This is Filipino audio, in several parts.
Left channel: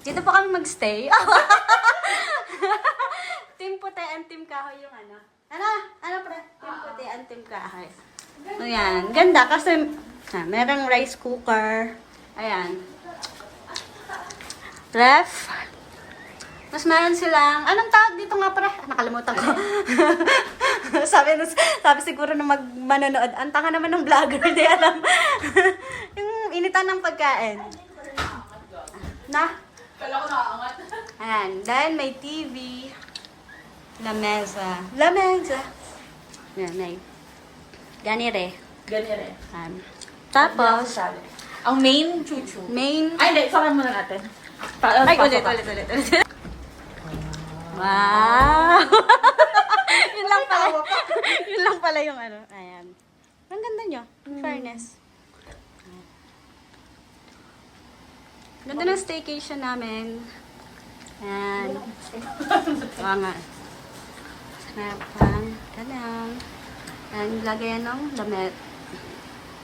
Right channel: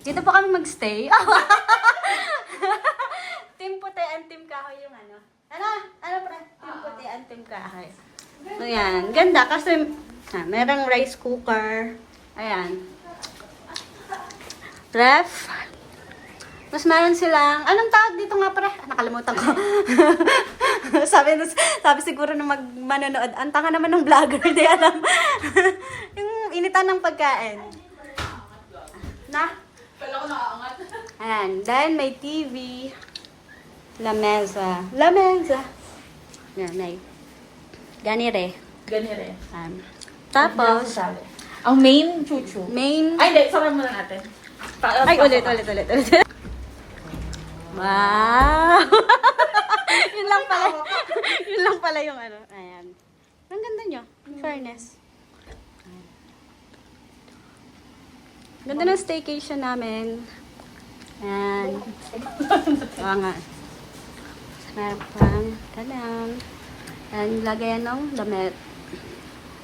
Dito po kami magstay. Team puti and team kahoy yung ano. Ano pre? Team puti and team kahoy. Ayan. Ganda kasi merong rice cooker. Ayan. Ref. Mas meron silang, anong tawag dito nga pre? Nakalimutan ko. sabi siguro na manonood. Ang tanga naman ng vlogger, di alam. Yung initan ng pagkain. Na? Ayan. Then may TV. Lamesa. Ayan, may. Ganire. Tapos, ang main chuchu. main. Ay, hindi. Sabi muna natin. Ay, ulit. Wow! yun lang pala yung ano. Ayan. Ang ganda nyo. In fairness. Ganda ng staycation namin. Ayan. Oo nga. Sarapang. Tanang. Ayan, lagayan ng damit.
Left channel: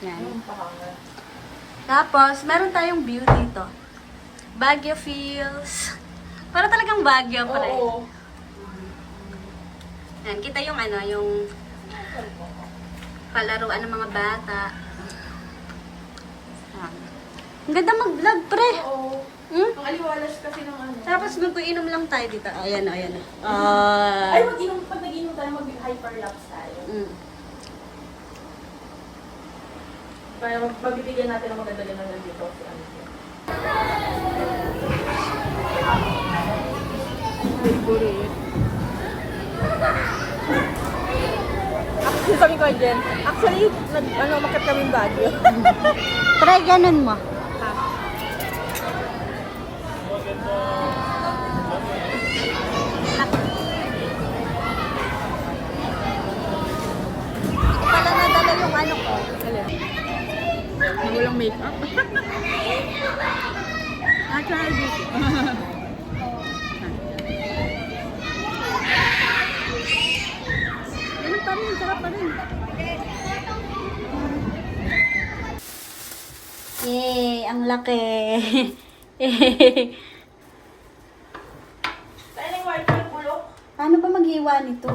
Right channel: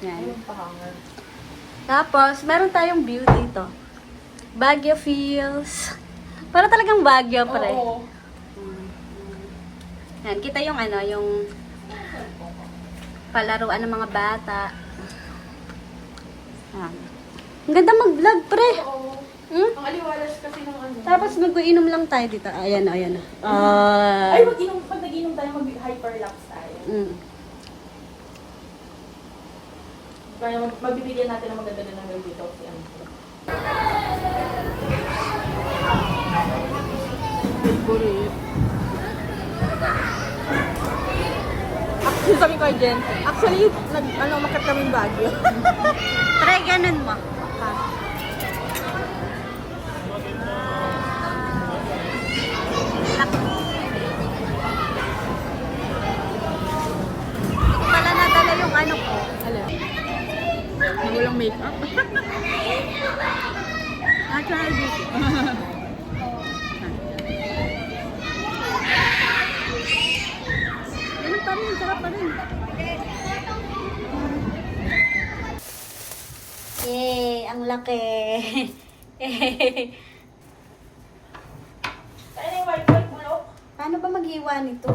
Ayan. Tapos, meron tayong view dito. Baguio feels. Para talagang Baguio, pre. Oo. Yan, kita yung ano, yung palaruan ng mga bata. Yan. Ang ganda mag-vlog, pre. Oo. Hmm? Ang aliwalas kasi ng ano. Tapos mag-inom lang tayo dito. Ayan. Ay, pag nag-inom tayo, mag-hyperlapse tayo. Kaya magbibigyan natin ng maganda dito. Sabi ko dyan, actually, makat kami yung Baguio. Try ganun mo. Pala nadala yung ano ko. Walang make-up. Natural beauty. Ganun pa rin, sarap pa rin. Yay, ang laki. Saan yung white bulok? Paano ba mag-iwa nito?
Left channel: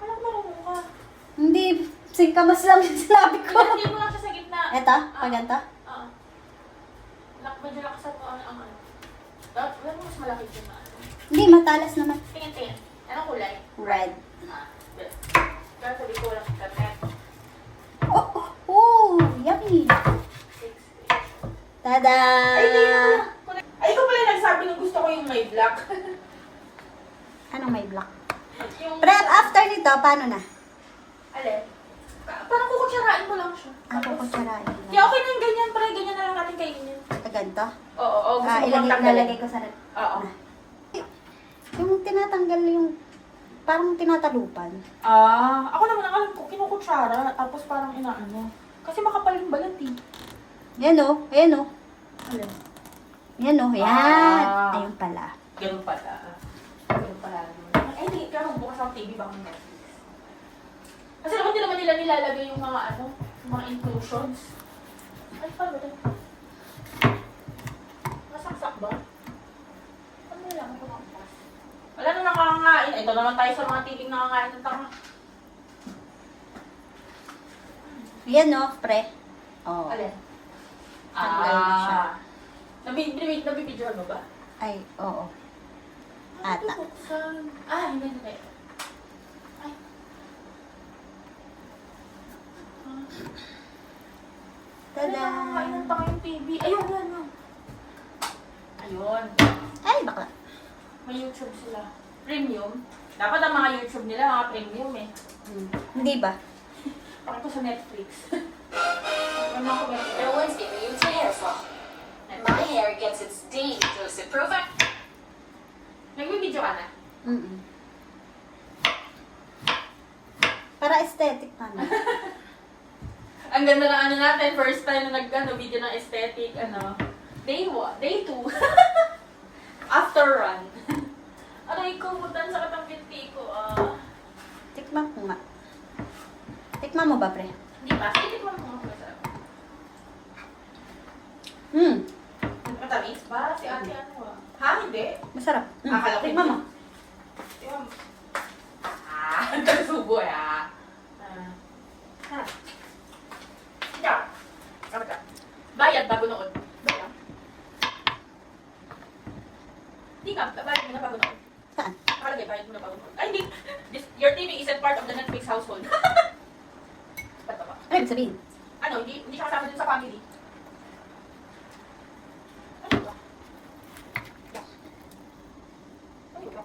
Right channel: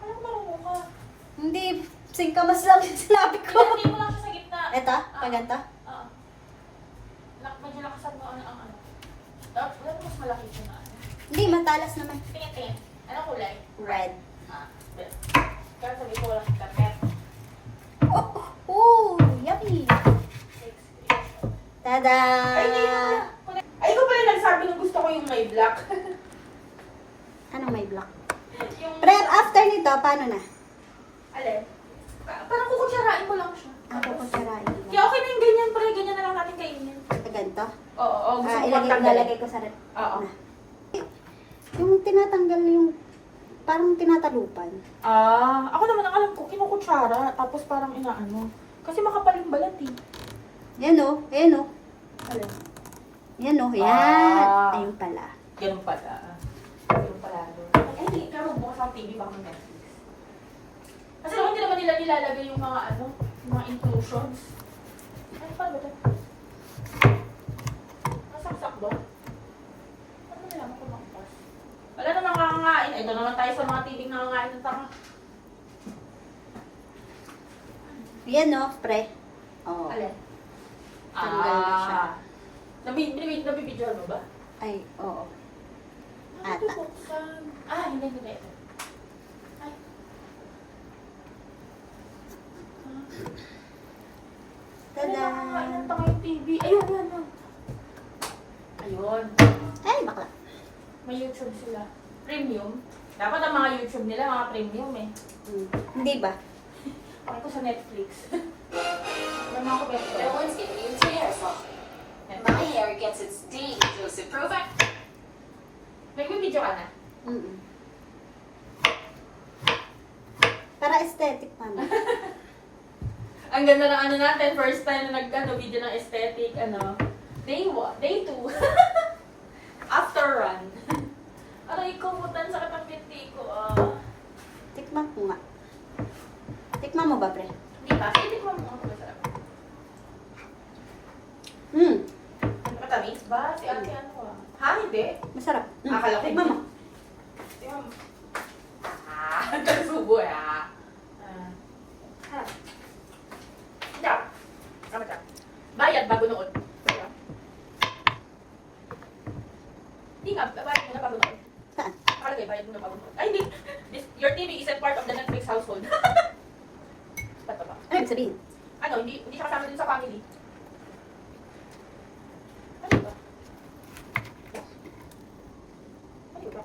Alam mo ka. Hindi, singkamas lang yung sinabi ko. Hindi mo lang siya sa gitna. Eta, pagata. Medyo nakasap ko ang ano. Dapat mas malaki yung ano. Hindi, matalas naman. Tingin. Anong kulay? Red. Pero sabi ko walang kat-kat. Oh, yummy. Tada! Ay, ikaw pala nagsabi na gusto ko yung may black. Anong may black? Yung... Pero after nito, paano na? Alin? Parang kukutsarain mo lang siya. Ako ko sarain. Kaya okay na yung ganyan, pre. Ganyan na lang natin kainin. Ganito? Oo. Gusto ko Ilagay pagtanggalin. ko sa red. Oo. Yung tinatanggal yung parang tinatalupan. Ako naman ang alam ko, kinukutsara, tapos parang inaano. Kasi makapal yung balat eh. Yan o. Ayan o. Ano? Yan o. Yan. Ayun pala. Ganun pala. Ganun pala. Ay, hindi. Kaya magbukas ang TV baka may Netflix. Kasi naman hindi naman nila nilalagay yung mga ano, yung mga inclusions. Ay, paano ba ito? Masaksak ba? Ano nila mo ito bukas? Wala na nangangain. Ito naman tayo sa mga TV nangangain ng tanga. Yan o, pre. Oh. Alin? Tanggal na siya. Nabibidyoan mo ba? Ay, oo. Ata. Ata. Buksan. Hindi na ito. Ay. Ano Tada! nakakain ng tanga yung TV? Ayun. Ayun. Ay, bakla. May YouTube sila. Premium. Dapat ang mga YouTube nila, mga premium eh. Hindi ba? Ako ito sa Netflix. Ano ako ba? No one's giving you a hair swap. My hair gets its dose of Provac. Nagbibidyo ka na? Para aesthetic naman. Ang ganda ng ano natin, first time na video ng aesthetic, Day 2. After run. Aray ko, butan sa katang pinti ko. Tikman ko nga. Tikman mo ba, pre? Hindi pa. Itikman mo ako masarap. Hmm. Matamis ba? Si ate ano? Ha? Hindi. Akala ko. Tignan mo. Kasubo ya. Bayad bago noon. Bayad. Hindi nga, bayad mo na bago noon. Saan? Nakalagay, bayad mo na bago noon. Ay, hindi. Your TV isn't part of the Netflix household. Ba't ba? Ano ibig sabihin? Ano, hindi siya kasama dun sa family. Ano ba? Ano ba?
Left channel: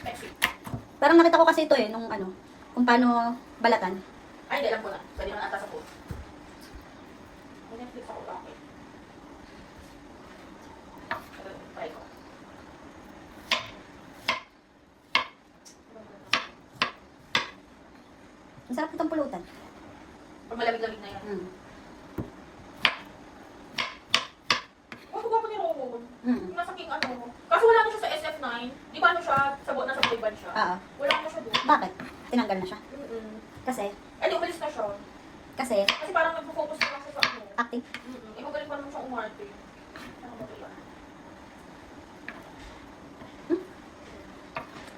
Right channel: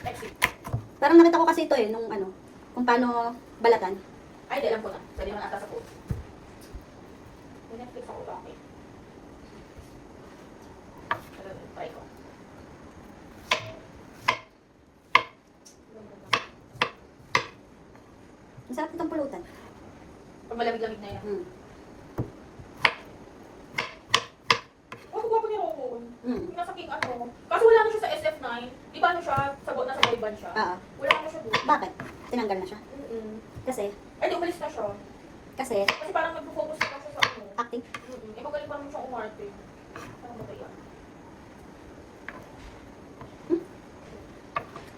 Next week. Parang nakita ko kasi ito eh, nung ano, kung paano balatan. Ay, hindi, alam ko na. Sabi naman ata sa phone. May Netflix ako, okay. Try ko. Ang sarap itong pulutan. Pag malamig-lamig na yun. Mm. Oh, gwapo ni Rowan. Mm. Nasa King ano. Kasi wala na siya sa SF9. Di ba ano siya? Nasa boy band siya. Oo. Wala na siya doon. Bakit? Tinanggal na siya. Kasi, Eh, di umalis na siya. kasi, Kasi parang nag-focus na lang siya sa ano. acting. Eh, magaling pa naman siya umarte. Saan ba tayo?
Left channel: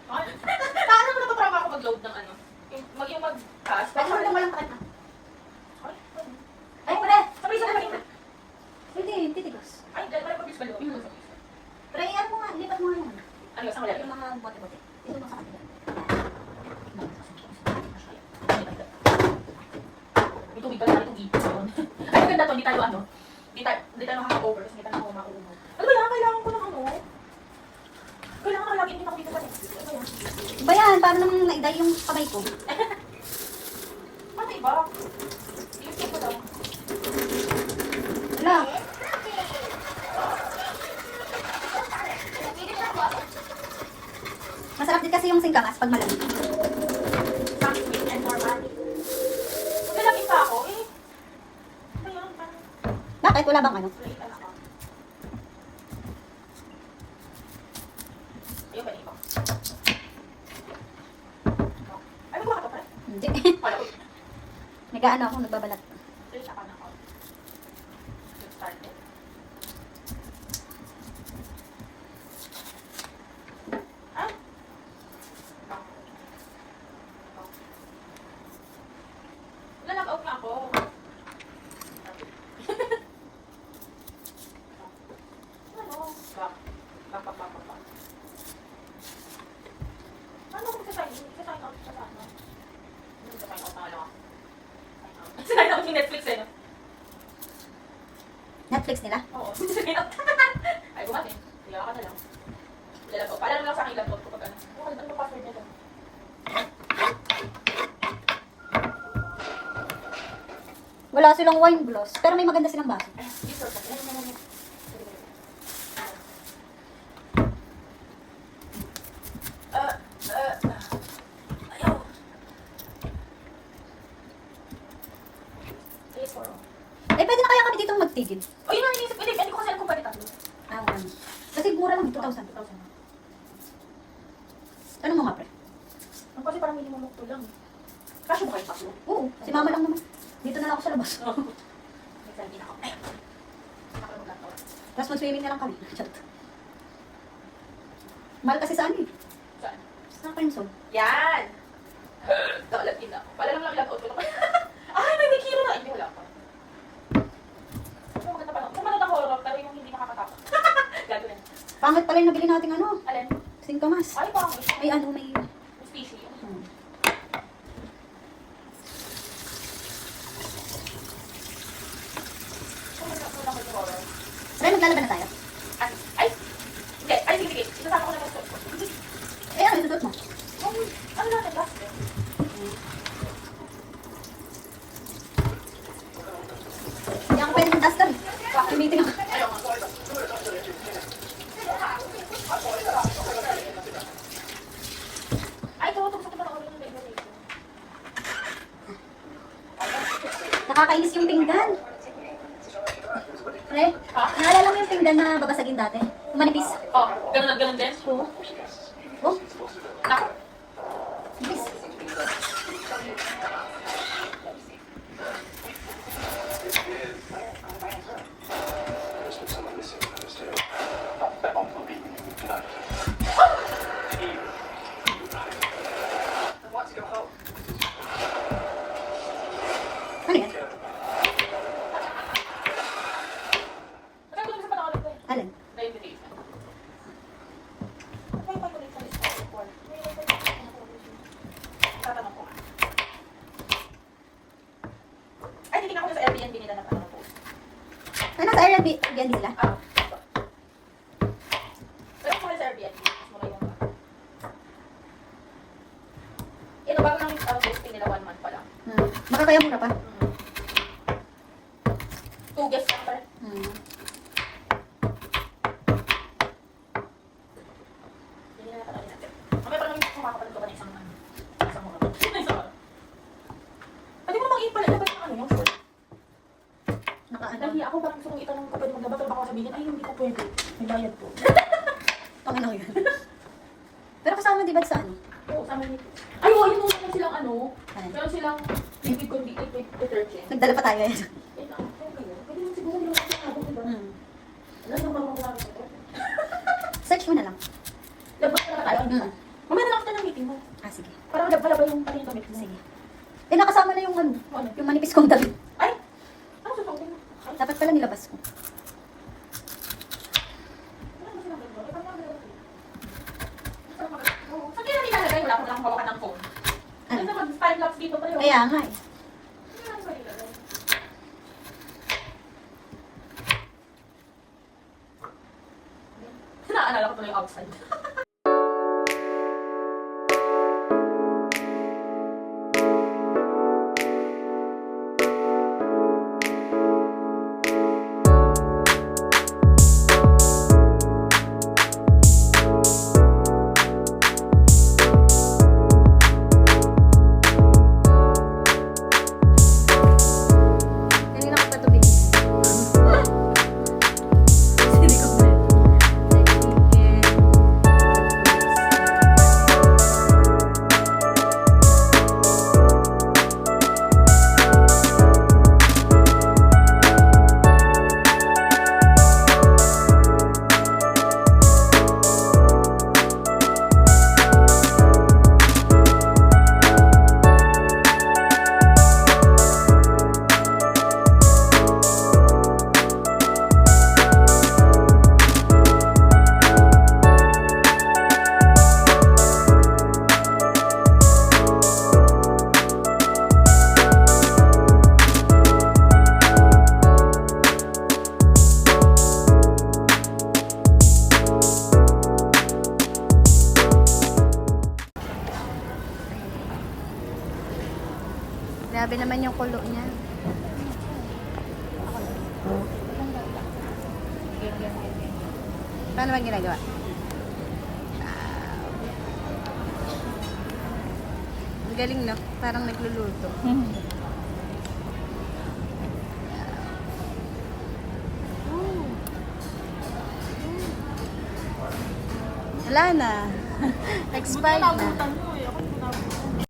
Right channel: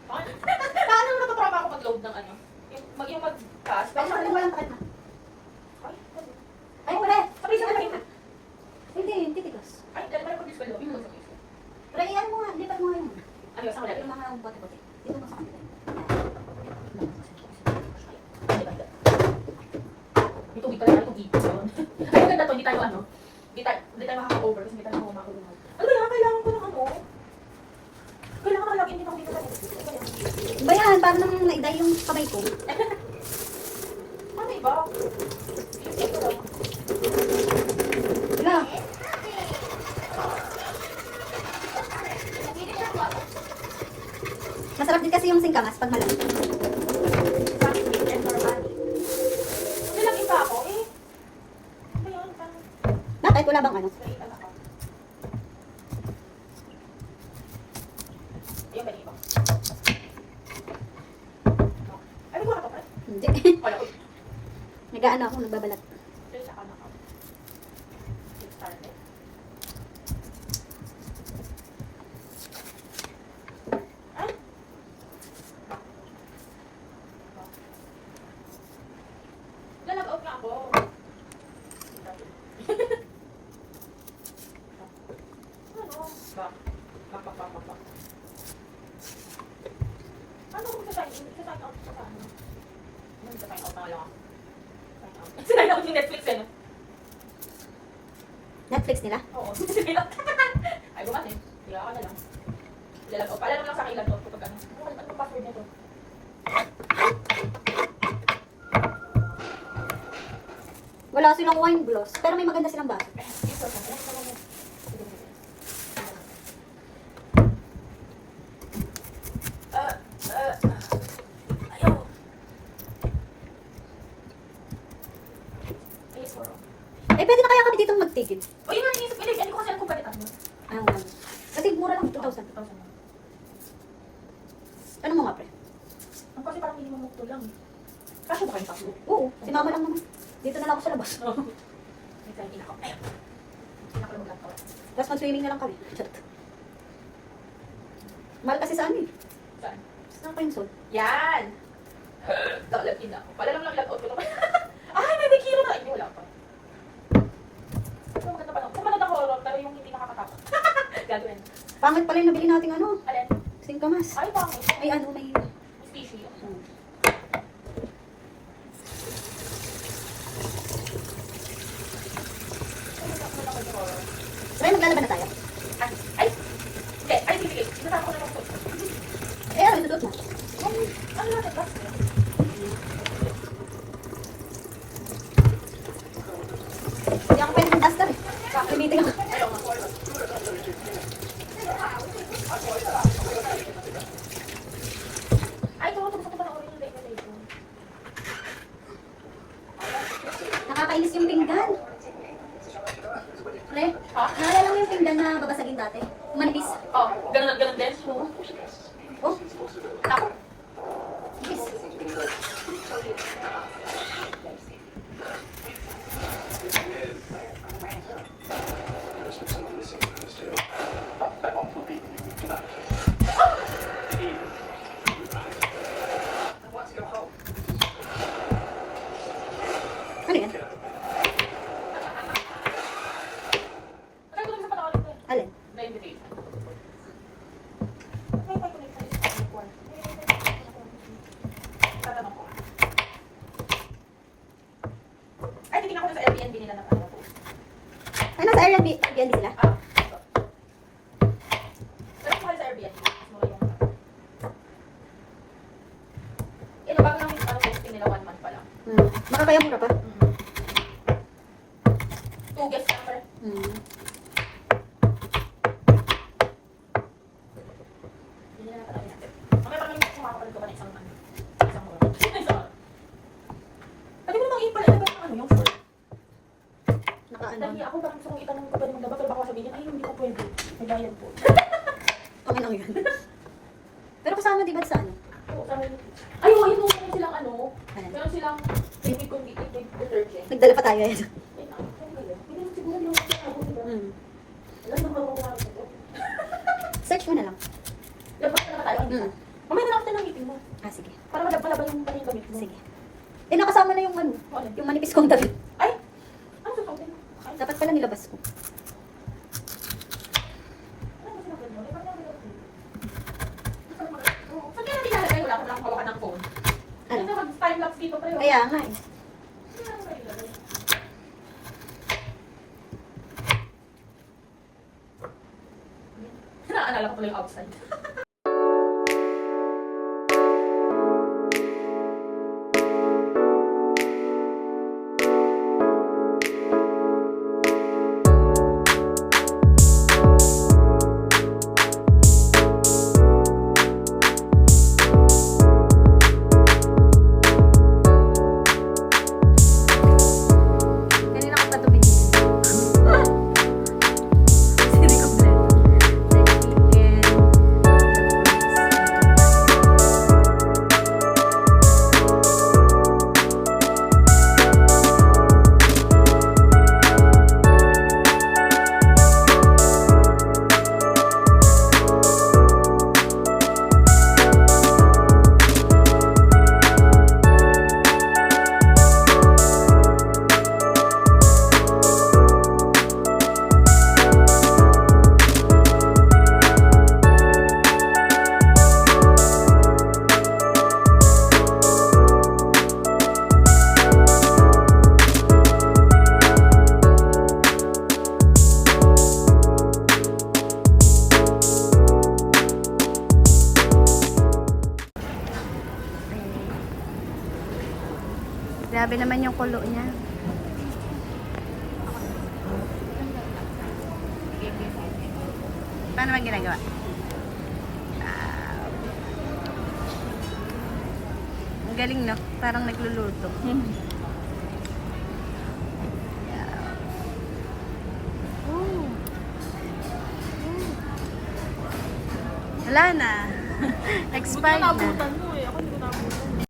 Ay, paano mo natatrama ako mag-load ng ano? Yung mag-cast? Pero parang walang takip na. Ay, Ay, pre! sabay-sabay. Hindi, titigos. Ay, dahil pala pag-bis pa loob. Tryan mo nga, lipat mo nga yun. Ano yung sa kanila? Yung mga bote-bote. Dito mo sa kanila. May tubig pala tayo, tubig. Ay, maganda to, hindi tayo ano. Hindi tayo makaka-over kasi hindi tayo makuha. Ano ba yan? Kailangan ko ng ano? Kailangan ko lagi din ako dito pa. Iba yan, paano nang naiday yung kamay ko? Ano iba? Yung ito lang. Wala. Masarap din kasi yung singkamas pag malamig. Sabi ko, and normally. Lalagin pa ako eh. Ano yan? Paano? Bakit? Wala bang ano? Wait, anak ko. Ayun, balik ko. Ay, nagawa ka pa, pre? Hindi. Wala, uy. Nag-ano ako, nagbabalat. Dito sa kanan ako. Let's start it. Ah? Wala, nag-out nga ako. Ano? Back. Paano ko magsasign out? Magsasign out sa ano? Hindi sa sign out na lang ako. Sign out yung Netflix eh, no? Netflix nila? Oo, sign out. Ay, gumatin. Hiya ka na lang. Ilalap ko. Paalam mo lang sa akin ilalap ko pag ano. Ano ba password niya to? Wala silang wine gloss, pero may maganda silang baso. Isa ko. Ayaw. Ay, sorry. Eh, pwede na kaya kami dito magtigil. O, yun ang iniisip ko. Hindi ko kasi alam kung balitan mo. Ah, wala. Kasi mura lang, 2,000. 1,000 na. Ano mo nga, pre? Ang kasi parang minimum look to lang. Kasya ba kayo pasok? Oo, si mama lang naman. Dito na lang ako sa labas. May selfie na ako. Ay! Nakalaman lang ako. Tapos mag-swimming na lang kami. Chat. Mahal kasi sa ano eh. Saan? Sa Crimson. Yan! Nakalagin na ako. Pala lang log-out ko naman. Ay, may kilo na! Hindi, wala pa. Kung maganda pa lang. Kung maganda horror, pero yung hindi nakakatakot. Gago yan. Pangit pala yung nabili natin ano. Alin? Singkamas. Ay, parang Ay, ano may... species yan. Oh. Kung maganda yung horror. Ay, naglalaban na tayo. Ay! Hindi! Ay, sige. Sinasama ko na yung foot. Eh, ano, itutut mo? Yan, ano natin, basket? Hindi ako pwede mag-duster eh. Tumiting ako. Ayaw, mag-horror. Ay, gusto ko parang ulit yung bag na dito. Nakakainis yung pinggan. Pre, naalala mo yung pinggan na babasagin dati? Manipis. Oh, ganun din. Oo. Oh, Ako. nipis. Airbnb sila? Pero sa Airbnb. Mas mura yung ito ba lang yung testing nila 1 month pa lang. Makakaya mura pa. 2 guests pa. Hindi na natin natin. Mamaya pa naman kumakapalit ko pa ng isang mga. Pwede mo namang ipalit na ba yung ano yung short? Nakaano. Dahil ako parang gusto kong itanong ko pwede magdaba pero baka sabihin, ay hindi ko pwede. May bayad po. Panginoon yun. Pero kasama di ba sa ano? Oo, sabi niyo. Ay, oo, yun meron silang ano. Ano? Meron silang liquid detergent. Nagdala pa tayo yan. Eh, syempre yun. Pwede naman siguro yung mga sabon, diba? Alam naman magagawa ko ito. Search mo na lang. Labas na tayo. Mamaya na lang after ng meeting mo. Ah, sige. Para madagdala ba yung damit mo? Sige. Eh, nakasama na yung ano, Ano? yung manipis kong damit. Ay! Ano sa pangkin mo? Ay, Dapat pala nilabas ko. ano ba sinabi mo? Saan kaya nilalagay? Wala ko lang hawakan ng phone. Ano na mag-time-lapse dito pa rin? Kaya nga eh. Ano ba nilalagay? Naalala ko tuloy yung outside. Kanina ko pa ito binigyan. Hindi ko blend. Grabe naman yung kulo niya. Paano ba ginagawa? Ang galing, no? Parang nagluluto. Wala na. Expired na.